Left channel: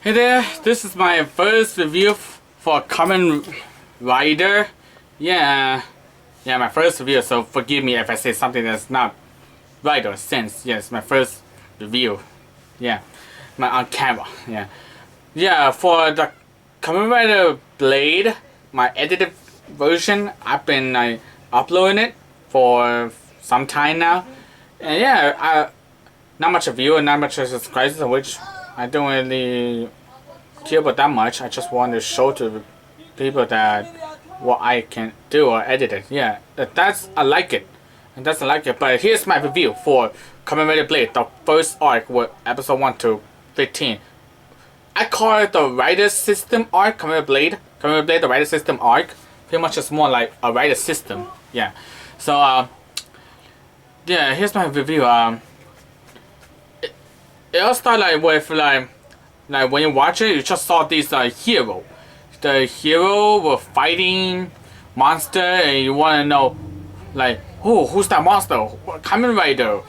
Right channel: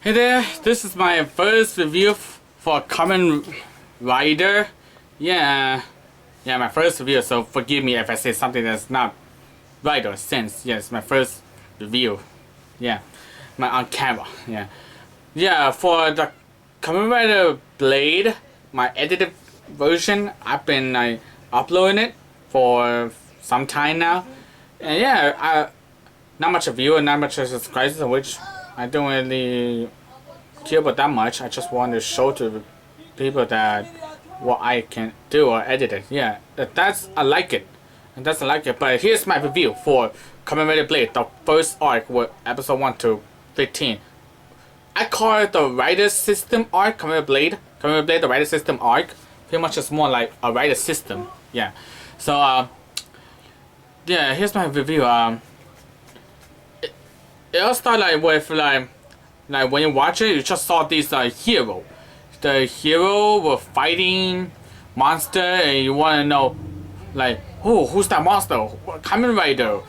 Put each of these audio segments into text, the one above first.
Hey there, this is my first review for Kamen Rider. Yeah, my first review, so forgive me if I say something that's not right or sense. Yes, my first review. Yeah, my on camera. For the Kamen Rider Blade, my edited version, I've been uploading it for some time now. And not much review and not much subscribers, which I don't really care about that much. I just want to show to people that what I can do or edit it. Yeah, I like it, and that's I like it. But here's my review for Kamen Rider Blade, the first arc with episode 1 to 15. I call it the Rider System arc. Kamen Rider Blade, the Rider System arc. Pretty much it's more like a Rider System. Yeah. So here's my review. It all started with like when you watch it, you just saw this hero. The hero were fighting monster, and you want to know like, who's that monster? Kamen Rider.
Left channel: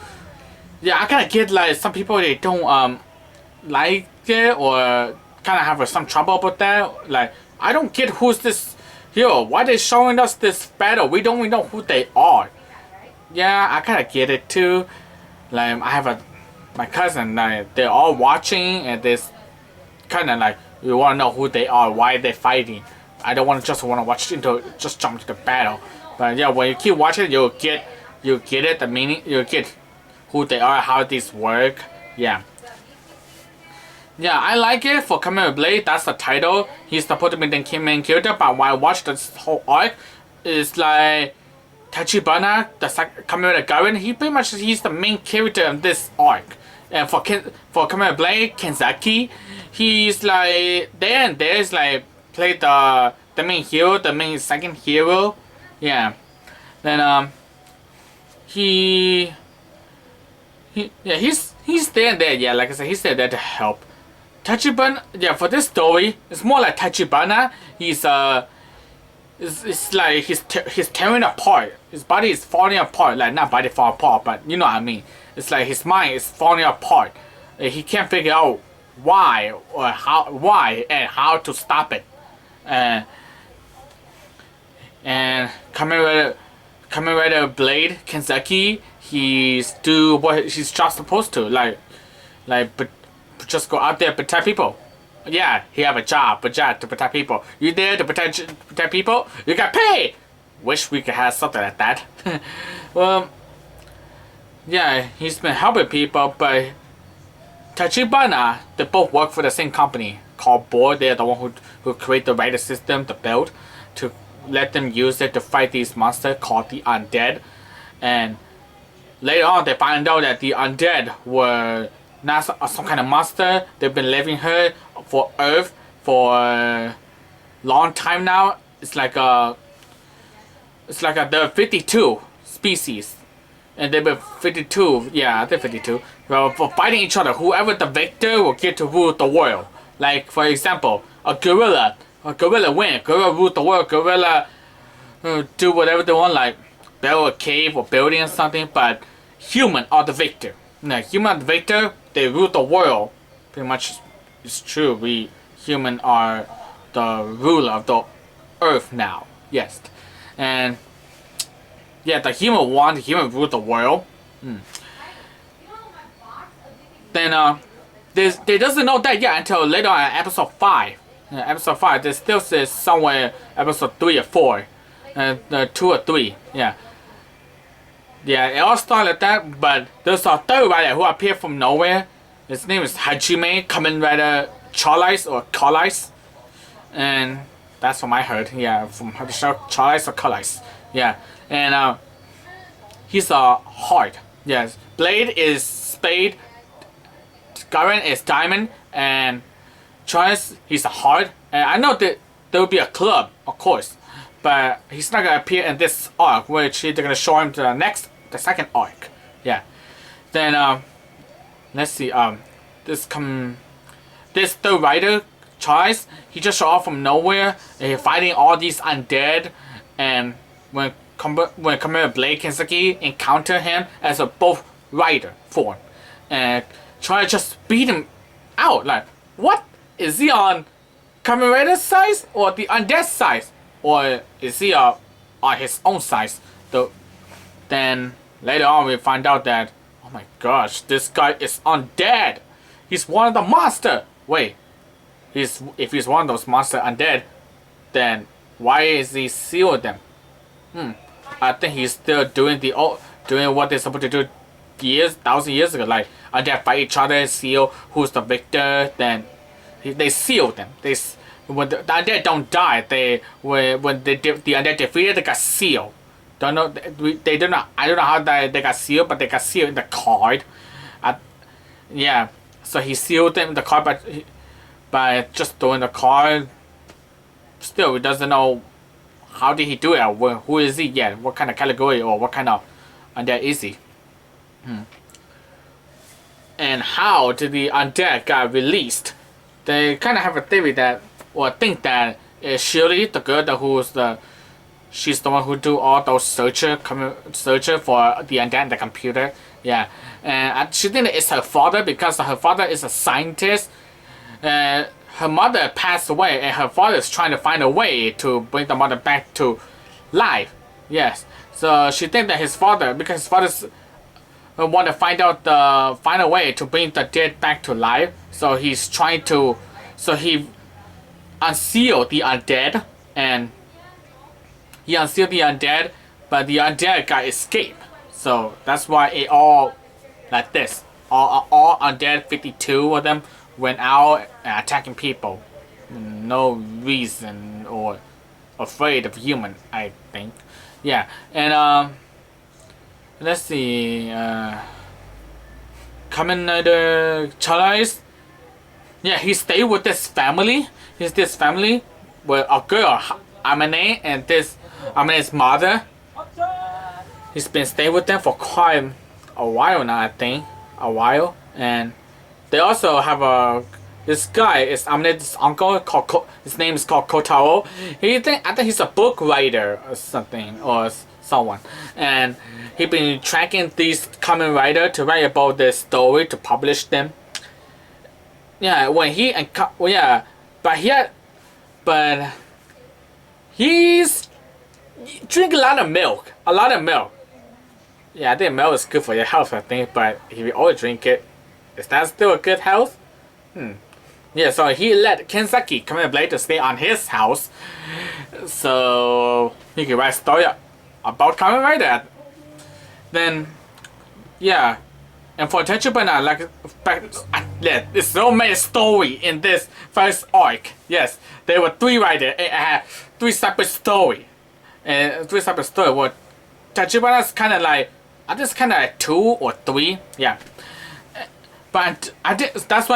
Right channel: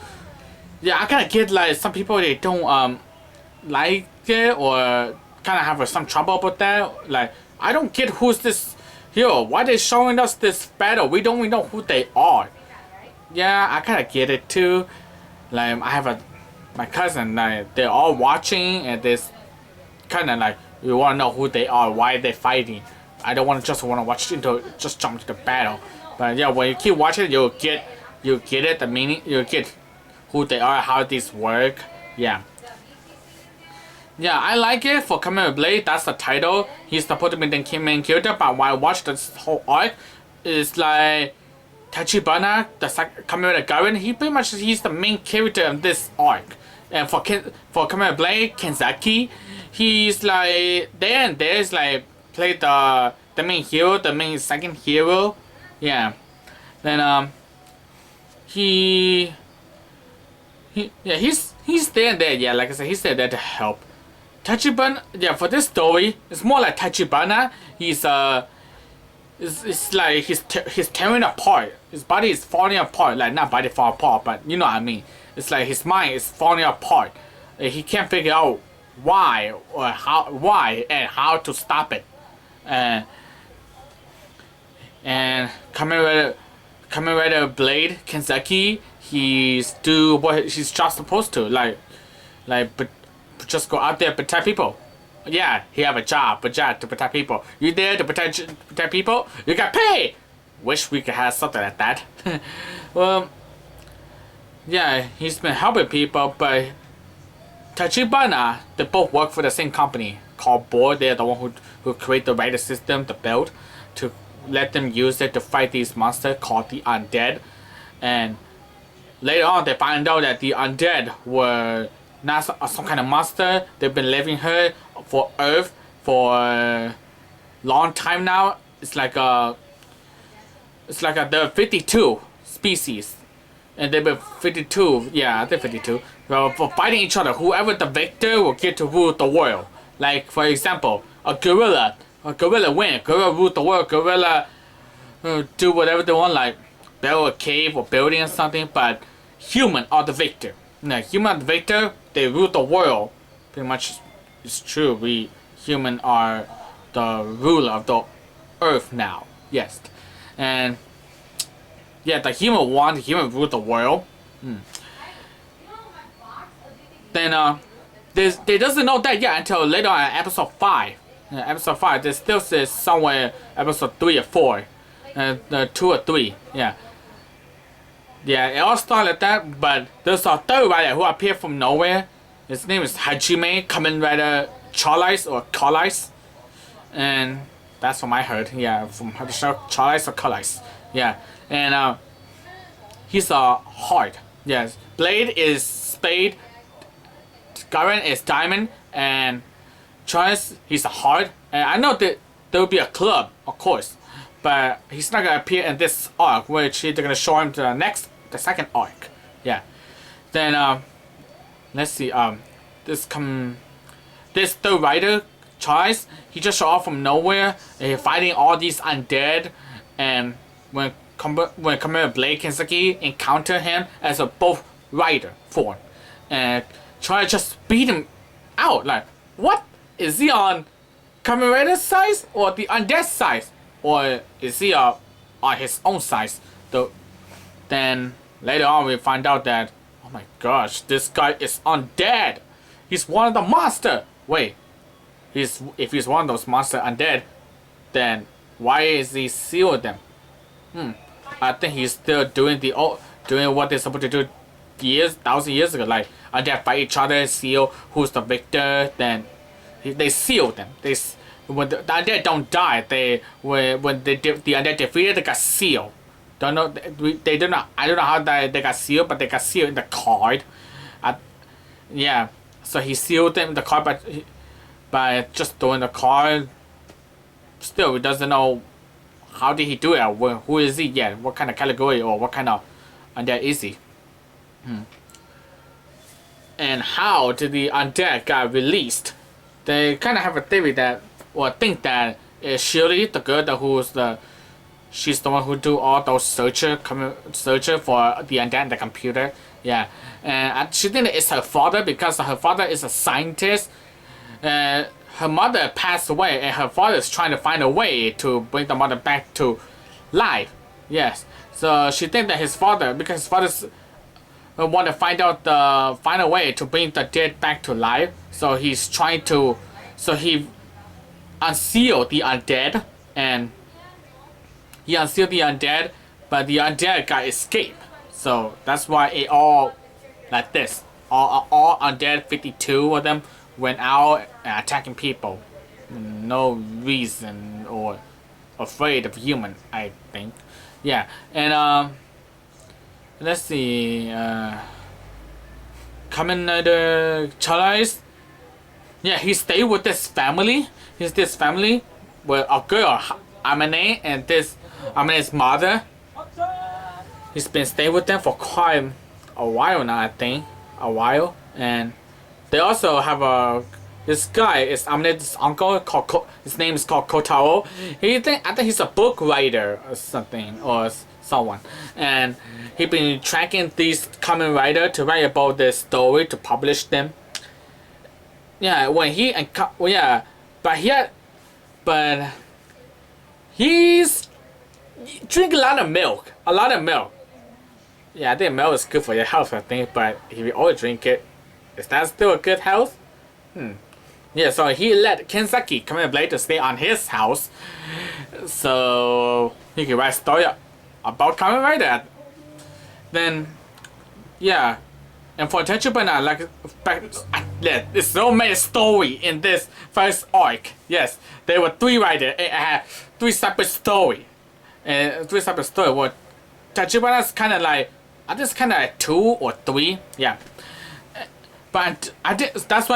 Yeah, I kind of get like some people they don't like it or kind of have some trouble with that. Like, I don't get who's this hero. Why they showing us this battle? We don't even know who they are. Yeah, I kind of get it too. Like, I have my cousin, like, they're all watching, and this kind of like, you want to know who they are, why they're fighting. I don't just want to just jump into the battle. But yeah, when you keep watching, you'll get it, the meaning, you'll get who they are, how these work. Yeah, I like it for Kamen Blade. That's the title. He's supposed to be the main character, but when I watch this whole arc, it's like Tachibana, the Kamen Rider Garen. He's the main character in this arc. And for Kamen Blade, Kenzaki, he's like there and there's like play the main hero, the main second hero. Yeah. Then he's there and there. Yeah, like I said, he's there to help. Tachibana, yeah, for this story, it's more like Tachibana. It's like he's tearing apart. His body is falling apart. Like, not body fall apart, but you know what I mean. It's like his mind is falling apart. He can't figure out why and how to stop it. And Kamen Rider Blade Kenzaki, he's do what he's just supposed to. But just go out there protect people. Yeah, he have a job to protect people. You there to protect people? You got paid. Wish we could have something like that. Well, yeah, he's been helping people, but Tachibana, they both work for the same company called Board. They're the one who create the Rider system, the belt, to let them use it to fight these monsters called the Undead. And later on, they find out that the Undead were not some kind of monster. They've been living here for Earth for a long time now. It's like there are 52 species, and they've been 52. Yeah, I think 52. Well, for fighting each other, whoever the victor will get to rule the world. Like, for example, a gorilla win. Gorilla rule the world. Gorilla do whatever they want, like build a cave or building or something. But human are the victor. Human are the victor. They rule the world. Pretty much, it's true. We human are the ruler of the earth now. Yes, and yeah, the human rule the world. Then they doesn't know that yet until later on in episode 5. Episode 5, there still says somewhere episode 3 or 4, 2 or 3. Yeah, it all started like that. But there's a third rider who appeared from nowhere. His name is Hajime, Kamen Rider Charlize, and that's from I heard. Yeah, from the show Charlize or Charlize. Yeah, and he's a heart. Yes, Blade is spade, Garen is diamond, and Charlize, he's a heart. And I know that there will be a club, of course, but he's not gonna appear in this arc, which they're gonna show him the second arc. Yeah. Then let's see. This third rider, Charles, he just showed up from nowhere. And he's fighting all these undead, and when Kamen Blade Kenzaki encounter him as a both rider form, and Charles just beat him out. Like, what? is he on Kamen Rider's side or the undead side, or is he on his own side? Though, then later on we find out that, oh my gosh, this guy is undead. He's one of the monster. Wait, if he's one of those monster undead, then why is he sealed them? I think he's still doing what they're supposed to do thousand years ago. Like undead fight each other, seal who's the victor. Then they seal them. When the undead don't die, the undead defeated, they got sealed. Don't know. They don't know. I don't know how they got sealed, but they got sealed in the card. Yeah. So he sealed them in the card, by just throwing the card. Still, he doesn't know how did he do it. Or who is he? Yeah. What kind of category or what kind of undead is he? And how did the undead got released? They kind of have a theory that, or think that Shirley, the girl she's the one who do all those searcher for the undead in the computer. Yeah, and she think it's her father because her father is a scientist. Her mother passed away, and her father is trying to find a way to bring the mother back to life. Yes, so she think that his father, because his father's want to find a way to bring the dead back to life. So he's trying to, so he unsealed the undead, and he unsealed the undead, but the undead got escaped. So that's why it all like this. All undead, 52 of them, went out and attacking people. No reason or afraid of human, I think. Yeah, and let's see. Kamen Rider Charles. Yeah, he stayed with this family. He's this family with a girl, Amane, and this Amane's mother. He's been staying with them for quite a while now, I think. A while. And they also have this guy is Amane's uncle, his name is called Kotaro. I think he's a book writer or something, or someone. And he been tracking these Kamen Rider to write about their story, to publish them. Yeah, when he and but he's drink a lot of milk. Yeah, I think milk is good for your health, I think. But if you always drink it, is that still a good health? Yeah, so he let Kenzaki, Kamen Blade, to stay on his house, so he can write a story about Kamen Rider. Then, yeah. And for Tachibana, there's so many story in this first arc. Yes, there were 3 riders. It had 3 separate story. And 3 separate story. Well, Tachibana's kind of like, I think it's kind of like 2 or 3. Yeah. But that's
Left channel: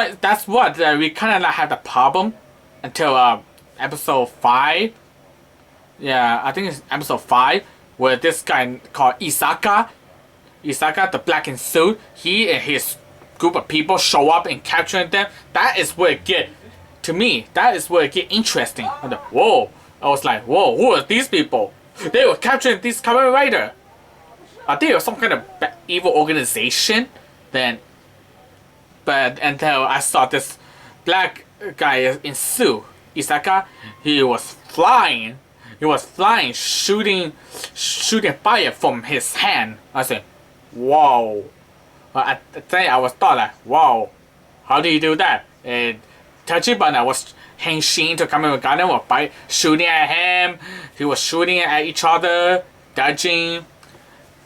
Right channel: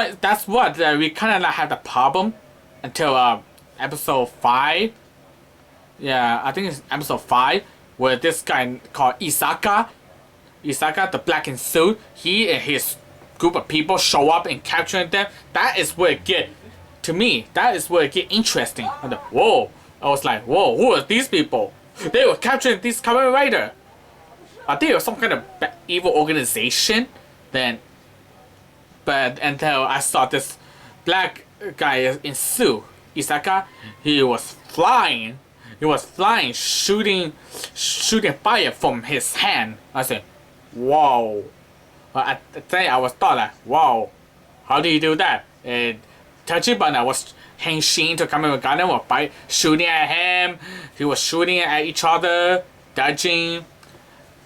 what we kind of like had the problem until episode 5. Yeah, I think it's episode 5 where this guy called Isaka, the black in suit, he and his group of people show up and capturing them. That is where it get, to me, that is where it get interesting. And whoa, I was like, whoa, who are these people? They were capturing this Kamen Rider. Are they some kind of evil organization? Then, but until I saw this black guy in suit, Isaka, he was flying, shooting fire from his hand. I said, whoa. At the time I was thought like, wow, how do you do that? And Tachibana was henshin to come in with Gundam, was by shooting at him. He was shooting at each other, dodging.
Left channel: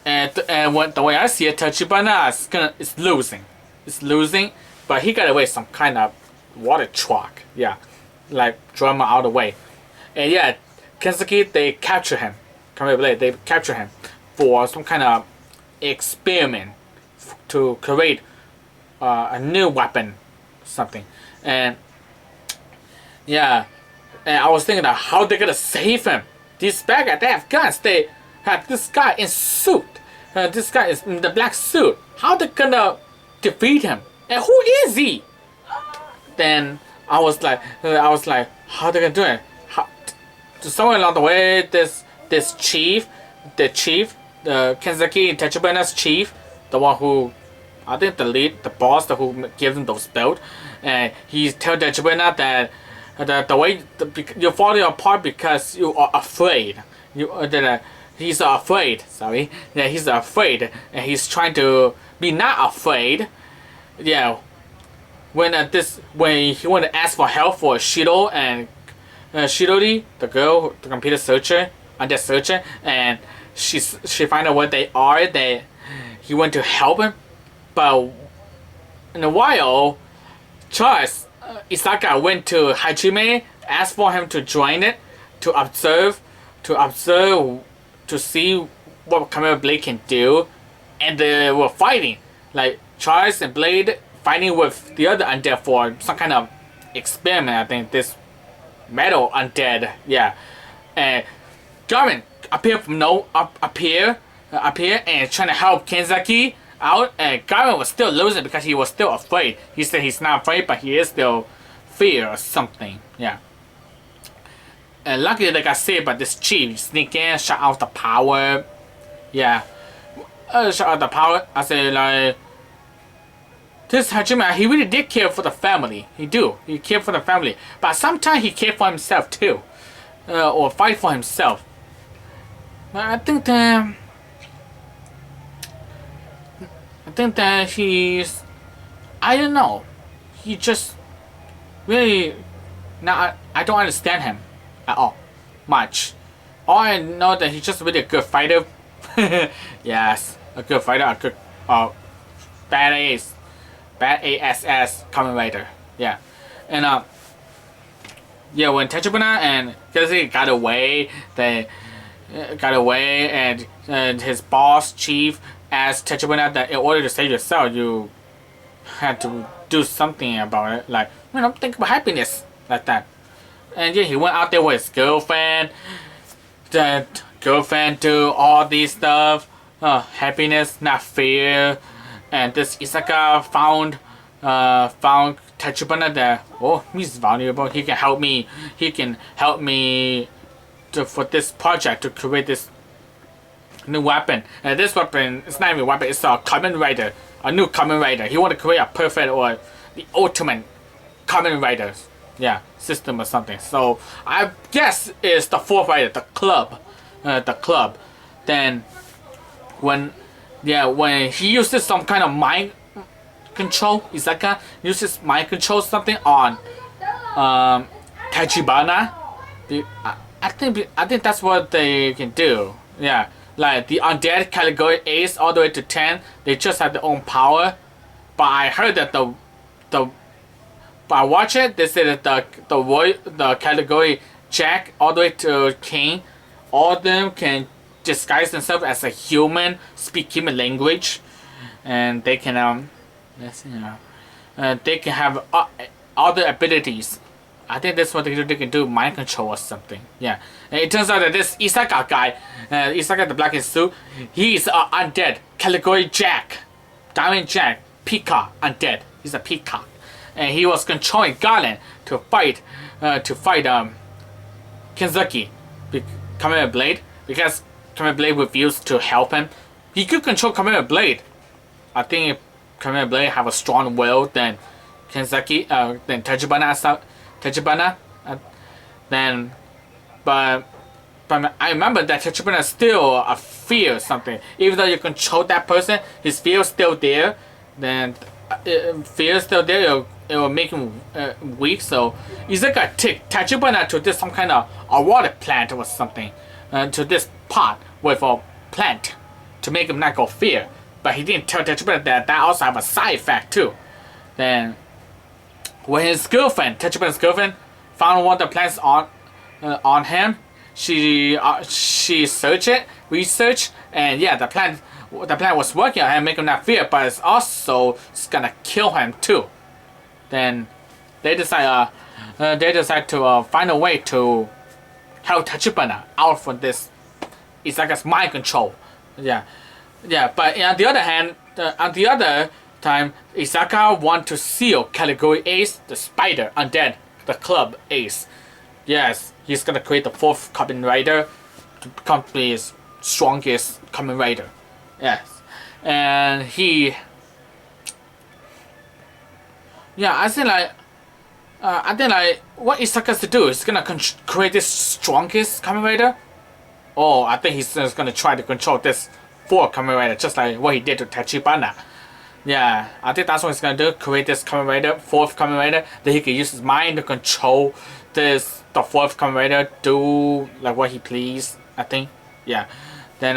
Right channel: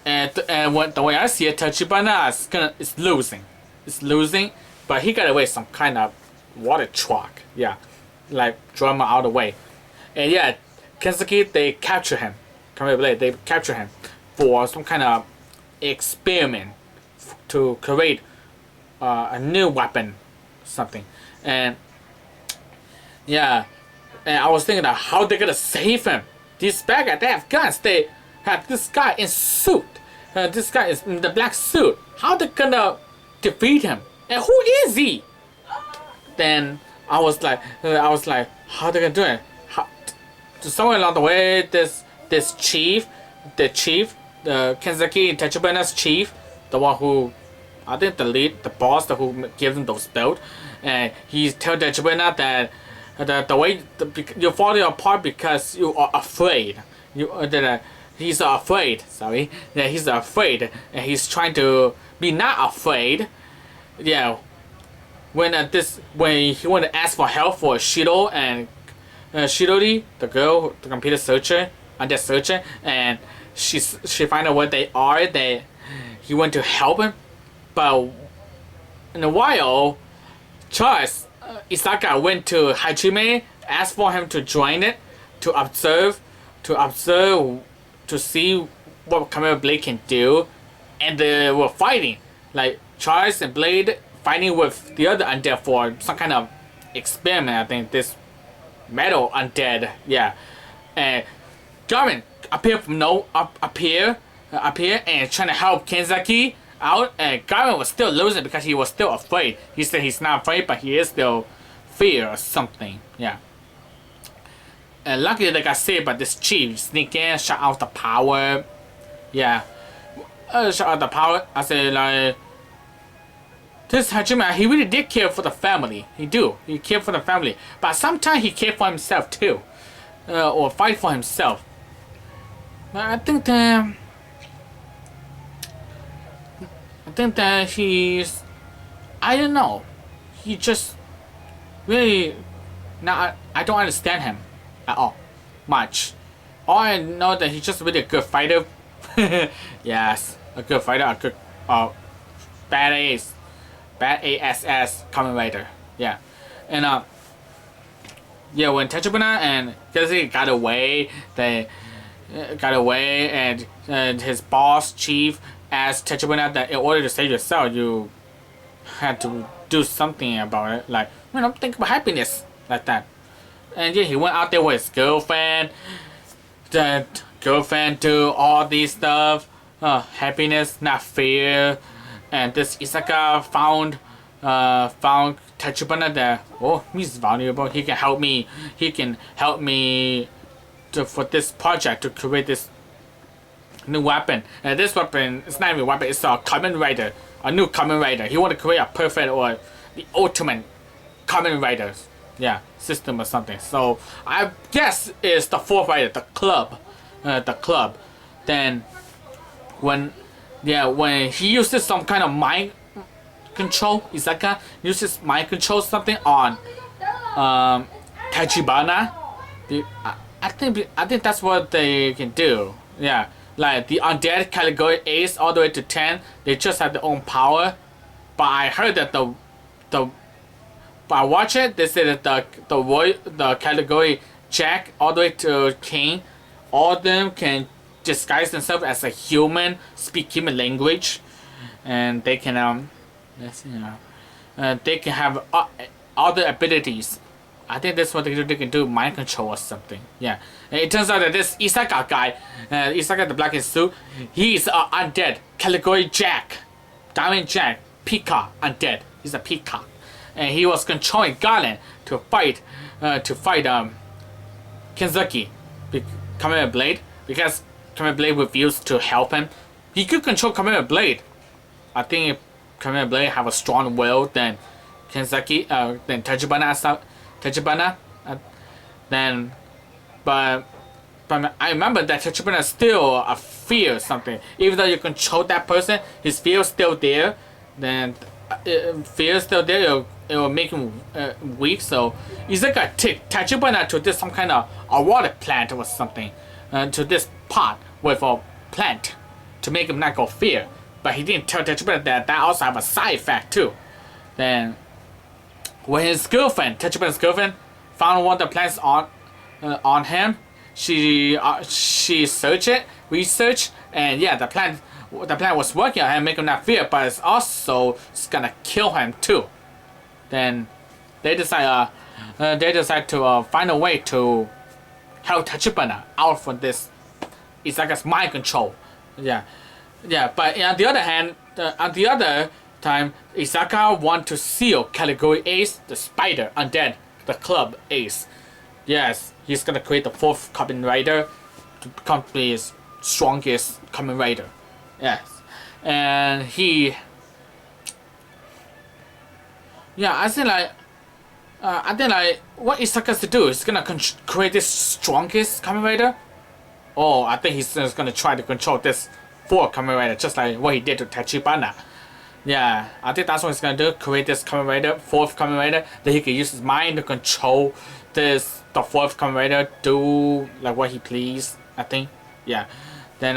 And the way I see it, Tachibana is losing. It's losing, but he got away some kind of water truck. Yeah, like drama out of the way. And yeah, Kenzaki, they capture him. They capture him for some kind of experiment to create a new weapon, something. And yeah, and I was thinking of how they're gonna save him. These bad guys, they have guns. They have this guy in suit. This guy is in the black suit. How they gonna defeat him? And who is he? Then I was like, how they gonna do it? Somewhere along the way, this chief, the Kenzaki Tachibana's chief, the one who I think the boss who gives him those belt, and he tells the Tachibana that the way you're falling apart because you are afraid. He's afraid. Sorry, yeah, he's afraid, and he's trying to be not afraid. Yeah, when he wanted to ask for help for Shido and Shidori, the girl, the computer searcher, undead searcher, and she find out what they are. He went to help him, but in a while, Charles Isaka went to Hajime, asked for him to join it, to observe, to see what Kamen Blade can do, and they were fighting. Like Charles and Blade fighting with the other undead for some kind of experiment. I think this metal undead, yeah. And Kamen appeared from appear and trying to help Kenzaki out, and Kamen was still losing because he was still afraid. He said he's not afraid, but he is still fear or something. Yeah. And luckily, like I said, but this chief sneak in, shut out the power. Yeah. Shut out the power. I said like this Hajime, he really did care for the family. He cared for the family, but sometimes he cared for himself too, or fight for himself. But I think that he's, I don't know, he just really, not, I don't understand him at all much. All I know that he's just really a good fighter. Yes, a good fighter, a good bad ASS Kamen Rider. Yeah, and yeah, when Tachibana and Kazuki got away, they got away, and his boss chief asked Tachibana that in order to save yourself, you had to do something about it, like, think about happiness, like that. And yeah, he went out there with his girlfriend. The girlfriend do all these stuff, happiness, not fear. And this Isaka found Tachibana that, oh, he's valuable. He can help me. He can help me for this project to create this new weapon. And this weapon, it's not even a weapon. It's a Kamen Rider, a new Kamen Rider. He want to create a perfect or the ultimate Kamen Rider, yeah, system or something. So I guess it's the fourth rider, the club. Then when he uses some kind of mind control, Isaka uses mind control something on Tachibana. I think that's what they can do. Yeah, like the undead category Ace all the way to 10, they just have their own power. But I heard that but I watch it, they say that the category Jack all the way to King, all of them can disguise themselves as a human, speak human language, and they can they can have other abilities. I think that's what they can do, mind control or something. Yeah, and it turns out that this Isaka guy, Isaka the black suit, he's undead category Jack, Diamond Jack, Peacock undead. He's a peacock, and he was controlling Garland to fight Kenzuki, Kamen Blade, because Kamen Blade refused to help him. He could control Kamen Blade. I think if Kamen Blade have a strong will than Kenzuki, than Tachibana, then, but I remember that Tachibana still a fear or something. Even though you control that person, his fear is still there. Then fear is still there. It will make him weak. So Isaka took Tachibana to this some kind of a water plant or something, to this pot with a plant to make him not go fear. But he didn't tell Tachibana that also have a side effect too. Then when his girlfriend, Tachibana's girlfriend, found one of the plants on him, she searched it, researched, and yeah, the plant was working on him, making him not fear, but it's gonna kill him too. Then they decide to find a way to help Tachibana out from this. It's like a mind control. Yeah. But on the other hand, on the other time, Isaka want to seal category Ace, the spider, undead, the club Ace. Yes, he's gonna create the fourth Kamen Rider to become his strongest Kamen Rider. Yes, and he Yeah, I think like what Isaka's to do is gonna create this strongest Kamen Rider. Oh, I think he's just gonna try to control this 4 Kamen Rider, just like what he did to Tachibana. Yeah, I think that's what he's gonna do. Create this Kamen Rider, 4th Kamen Rider, that he can use his mind to control the 4th Kamen Rider, do like what he please. I think. Yeah. Then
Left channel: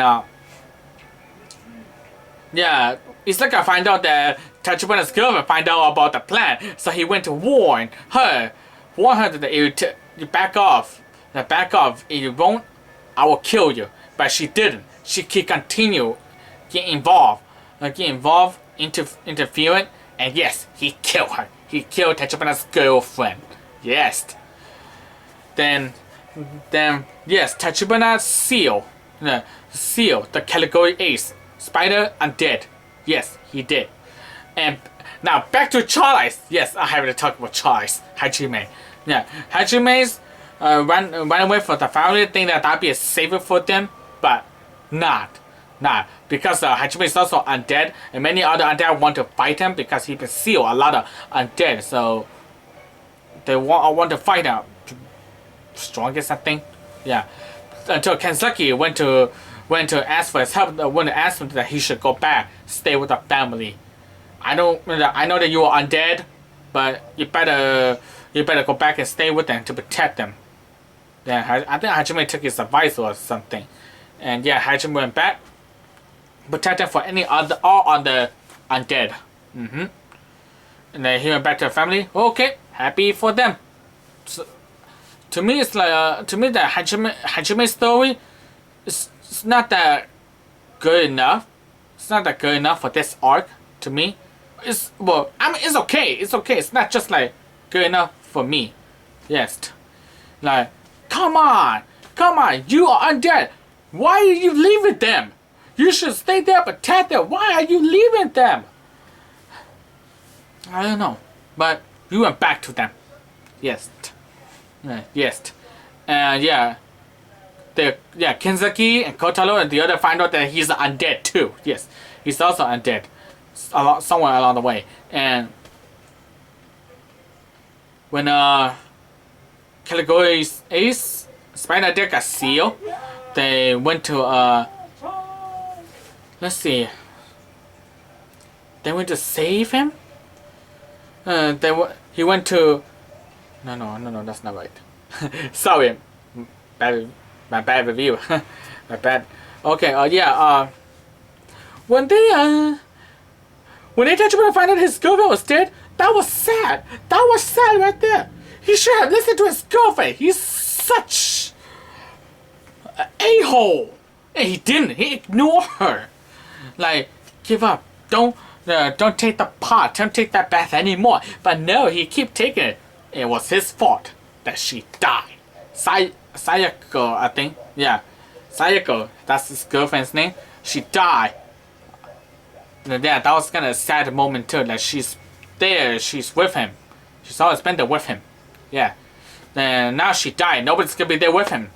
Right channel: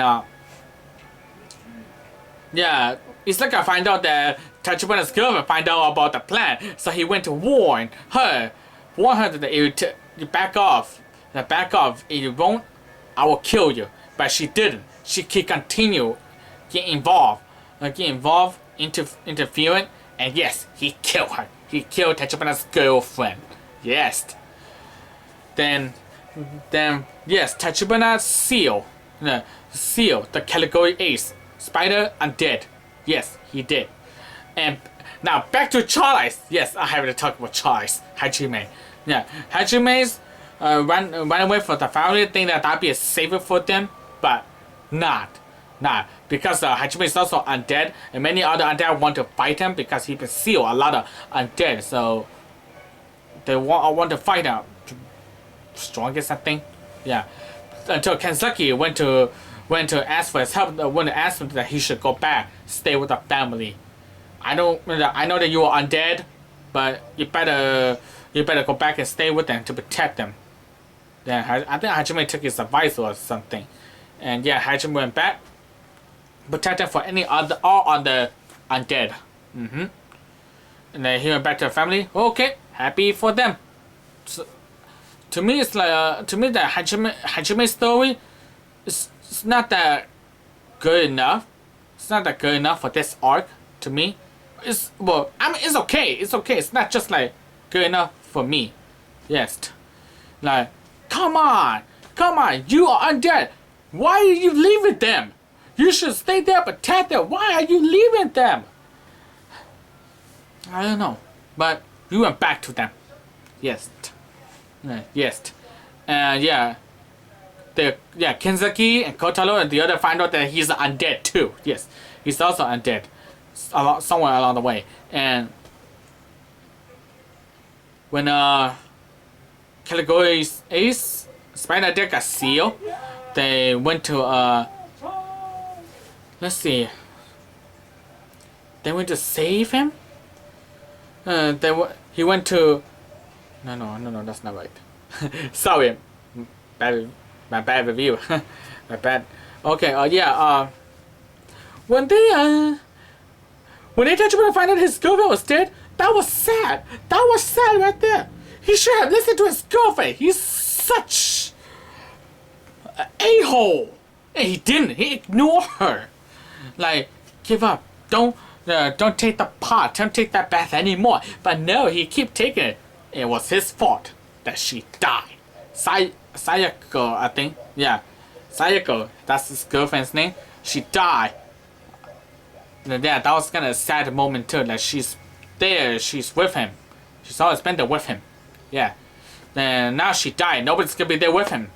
yeah, it's like I find out that Tachibana's girlfriend find out about the plan, so he went to warn her that you back off. Back off. If you won't, I will kill you. But she didn't. She continue get involved, interfering, and yes, he killed her. He killed Tachibana's girlfriend. Yes. Then yes, Tachibana's seal, the category ace, Spider Undead. Yes, he did. And now back to Charles. Yes, I have to talk about Charles Hajime. Yeah, Hajime's ran away from the family, think that that'd be safer for them, but not because Hajime is also undead, and many other undead want to fight him because he can seal a lot of undead. So they want to fight him. Strongest, I think. Yeah. Until Kanzaki went to ask for his help. Went to ask him that he should go back, stay with the family. I know that you are undead, but you better go back and stay with them to protect them. Then I think Hajime took his advice or something, and yeah, Hajime went back, protect them for all other undead. And then he went back to the family. Okay, happy for them. So, to me, it's like the Hajime story is not that good enough. It's not that good enough for this arc to me. It's okay. It's okay. It's not just like good enough for me. Yes. Like, come on, you are undead. Why are you leaving them? You should stay there, protect them. Why are you leaving them? I don't know, but we went back to them. Yes. Yes. Yeah. Kenzaki and Kotaro and the other find out that he's undead too. Yes, he's also undead. Somewhere along the way. And when Category's Ace, Spider Deck got sealed, they went to let's see. They went to save him. He went to. No, that's not right. Sorry, my bad review. My bad. Okay. Yeah. When they touched him and found out his girlfriend was dead, that was sad. That was sad right there. He should have listened to his girlfriend. He's such an a-hole, and he didn't. He ignored her. Like, give up. Don't take the pot. Don't take that bath anymore. But no, he keep taking it. It was his fault that she died. Sayako, I think. Yeah. Sayako, that's his girlfriend's name. She died. And yeah, that was kind of a sad moment too. Like, she's there, she's with him. She's always been there with him. Yeah. Then now she died. Nobody's gonna be there with him.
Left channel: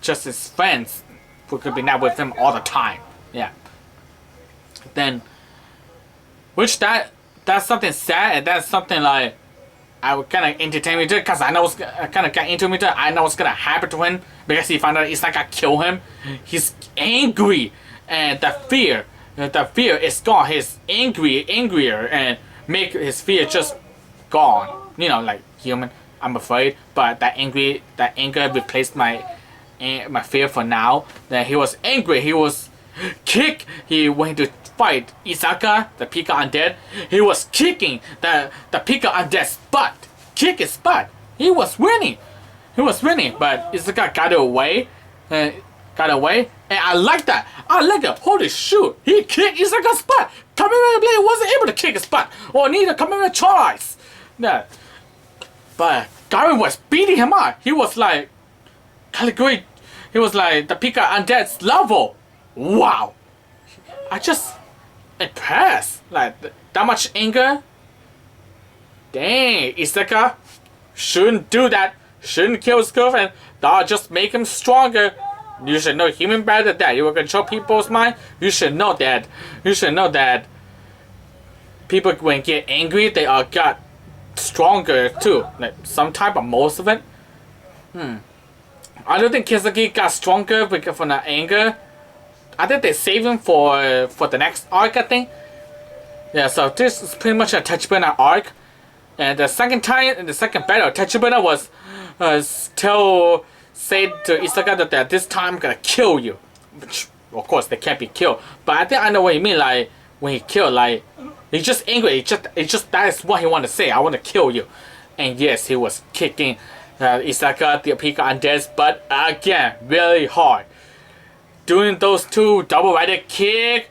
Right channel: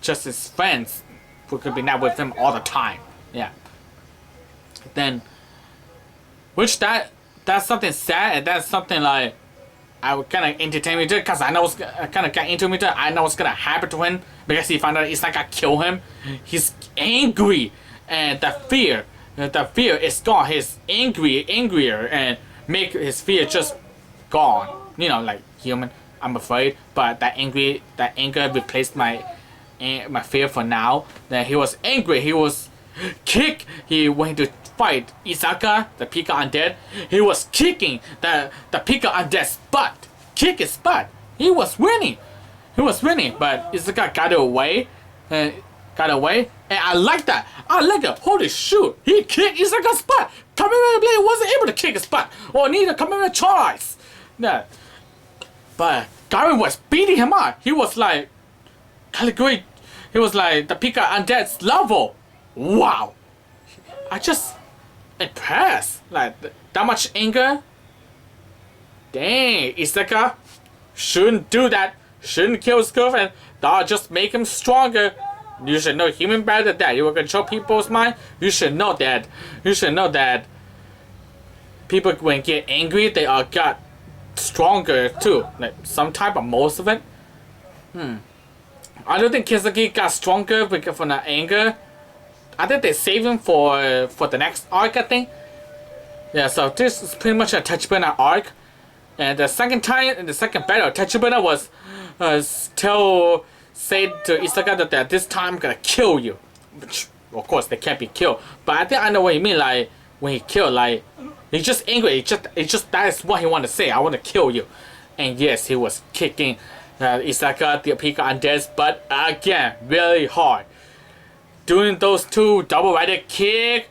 Just his friends who could be not with him all the time. Yeah. Then, which that's something sad, and that's something like I would kind of entertain me too, because I know kind of got into me too. I know what's gonna happen to him because he found out it's not gonna kill him. He's angry, and the fear is gone. He's angrier, and make his fear just gone. You know, like human. I'm afraid, but that anger replaced my fear for now. Then he was angry. He was kick. He went to fight Isaka, the Pika Undead. He was kicking the Pika Undead's butt. Kick his butt. He was winning, but Isaka got away. And I like that. I like it. Holy shoot. He kicked Isaka's butt. Kamen Blade wasn't able to kick his butt. Or neither Kamen Charles. Yeah. But Garen was beating him up. He was like category. He was like the Pika Undead's level. Wow. I just impressed. Like that much anger. Dang, Isaka shouldn't do that. Shouldn't kill his girlfriend. That'll just make him stronger. You should know human better than that. You will control people's mind. You should know that. People when get angry, they stronger too. Like some type of most of it. I don't think Kisaki got stronger because from the anger. I think they save him for the next arc, I think. Yeah, so this is pretty much a Tachibana arc. And the second time, in the second battle, Tachibana was say to Isaka that this time I'm gonna kill you. Which, of course, they can't be killed. But I think I know what you mean, like, when he killed, like, he's just angry. It's just that is what he wanted to say. I want to kill you. And yes, he was kicking Isaka, the Pika Undead's butt again, really hard. Doing those two double-righted kick,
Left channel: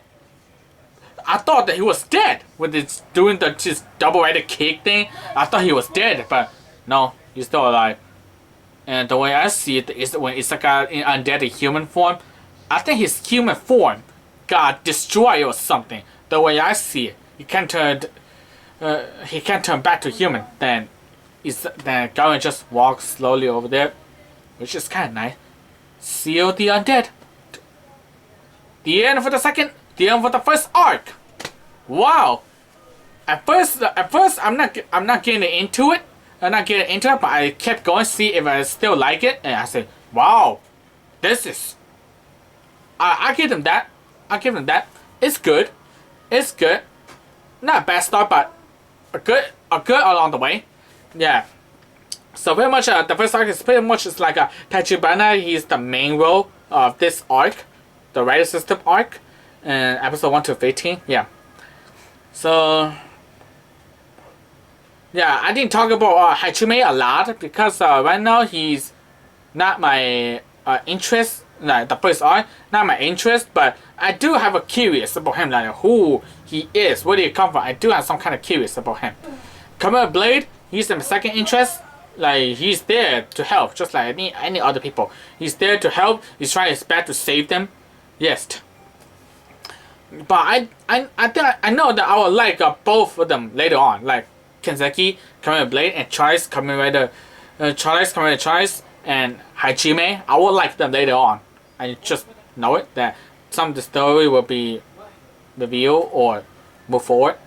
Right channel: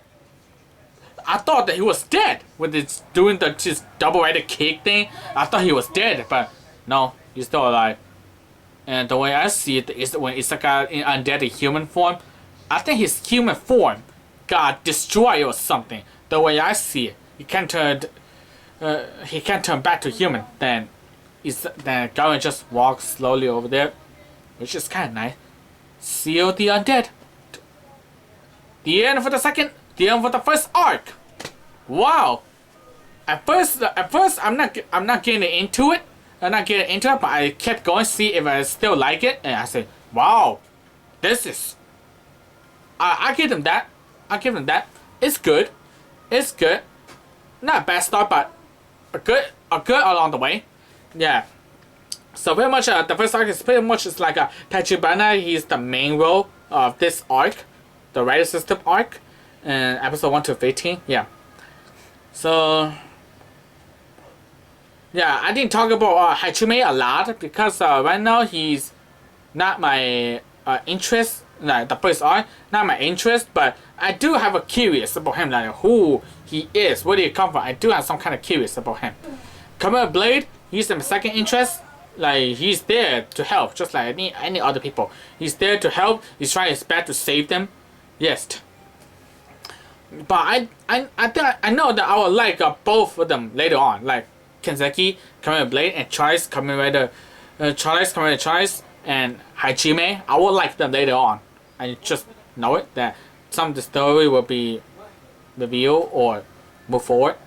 I thought that he was dead with his doing just double-righted kick thing. I thought he was dead, but no, he's still alive. And the way I see it is when Isaka in undead human form, I think his human form got destroyed or something. The way I see it, he can't turn back to human. Then Garen just walks slowly over there, which is kind of nice. Seal the undead. The end for the first arc. Wow. At first I'm not getting into it. But I kept going to see if I still like it, and I said, wow, this is. I give them that. It's good. Not a bad start, but a good along the way. Yeah. So pretty much the first arc is pretty much like a Tachibana. He's the main role of this arc, the Rider System arc, and episode 1 to 15. Yeah. So yeah, I didn't talk about Hachime a lot because right now he's not my interest. Like the first arc, not my interest, but I do have a curious about him, like who he is, where did he come from. I do have some kind of curious about him. Kamen Blade, he's my second interest. Like he's there to help, just like any other people. He's there to help. He's trying his best to save them. Yes. But I think I know that I will like both of them later on, like Kenzaki, Kamen Blade, and Charles, Kamen Rider, Charles, and Hachime. I will like them later on. I just know it that some of the story will be revealed or move forward.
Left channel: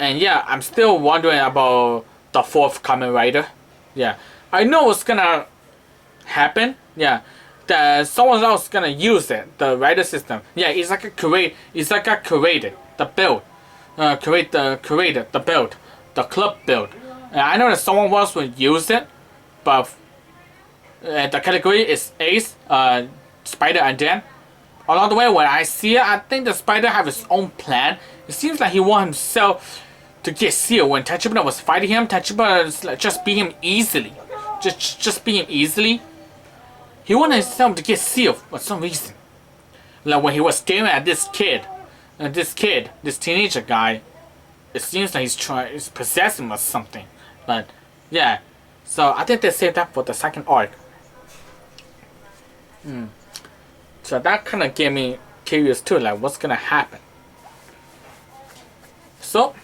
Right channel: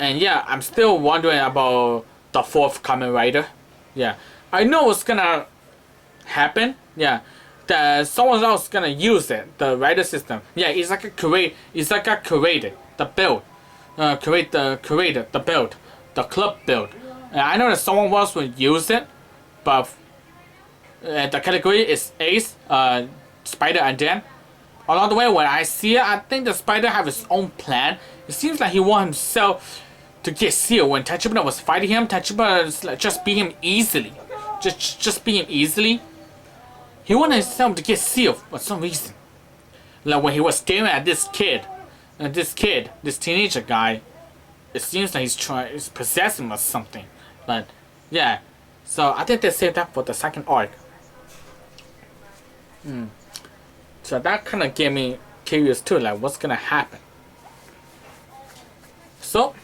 And yeah, I'm still wondering about the fourth Kamen Rider. Yeah, I know what's gonna happen. Yeah, that someone else is gonna use it. The rider system. Yeah, it's like a created the build, created the build, the club build. And I know that someone else will use it, but the category is Ace, Spider, and Dan. Along the way, when I see it, I think the Spider have his own plan. It seems like he wants himself to get sealed. When Tachibana was fighting him, Tachibana like, just beat him easily. Just beat him easily. He wanted himself to get sealed for some reason. Like when he was staring at this teenager guy, it seems like he's possessing him or something. But yeah, so I think they saved that for the second arc. So that kind of gave me curious too, like what's gonna happen. So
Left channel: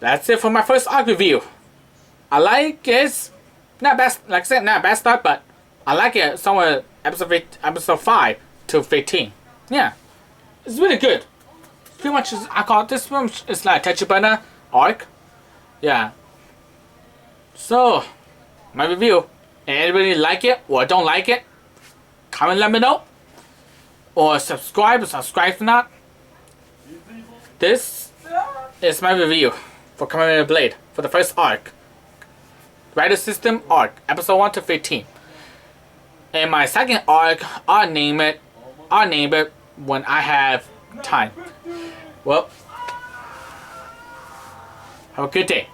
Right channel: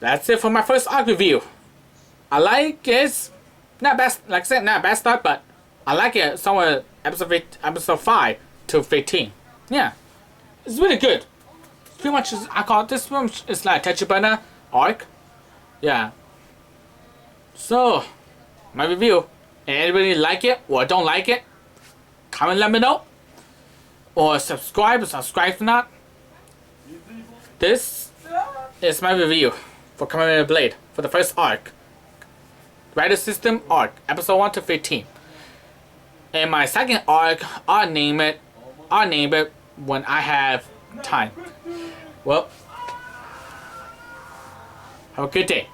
that's it for my first arc review. I like it. Not best, like I said, not a bad start, but I like it somewhere episode 5 to 15. Yeah, it's really good. Pretty much, I call it, this one is like Tachibana arc. Yeah. So, my review. Anybody like it or don't like it? Comment, let me know. Or subscribe if not. This is my review for Kamen Blade for the first arc. Rider System arc, episode 1 to 15. And my second arc, I'll name it when I have time. Well, have a good day.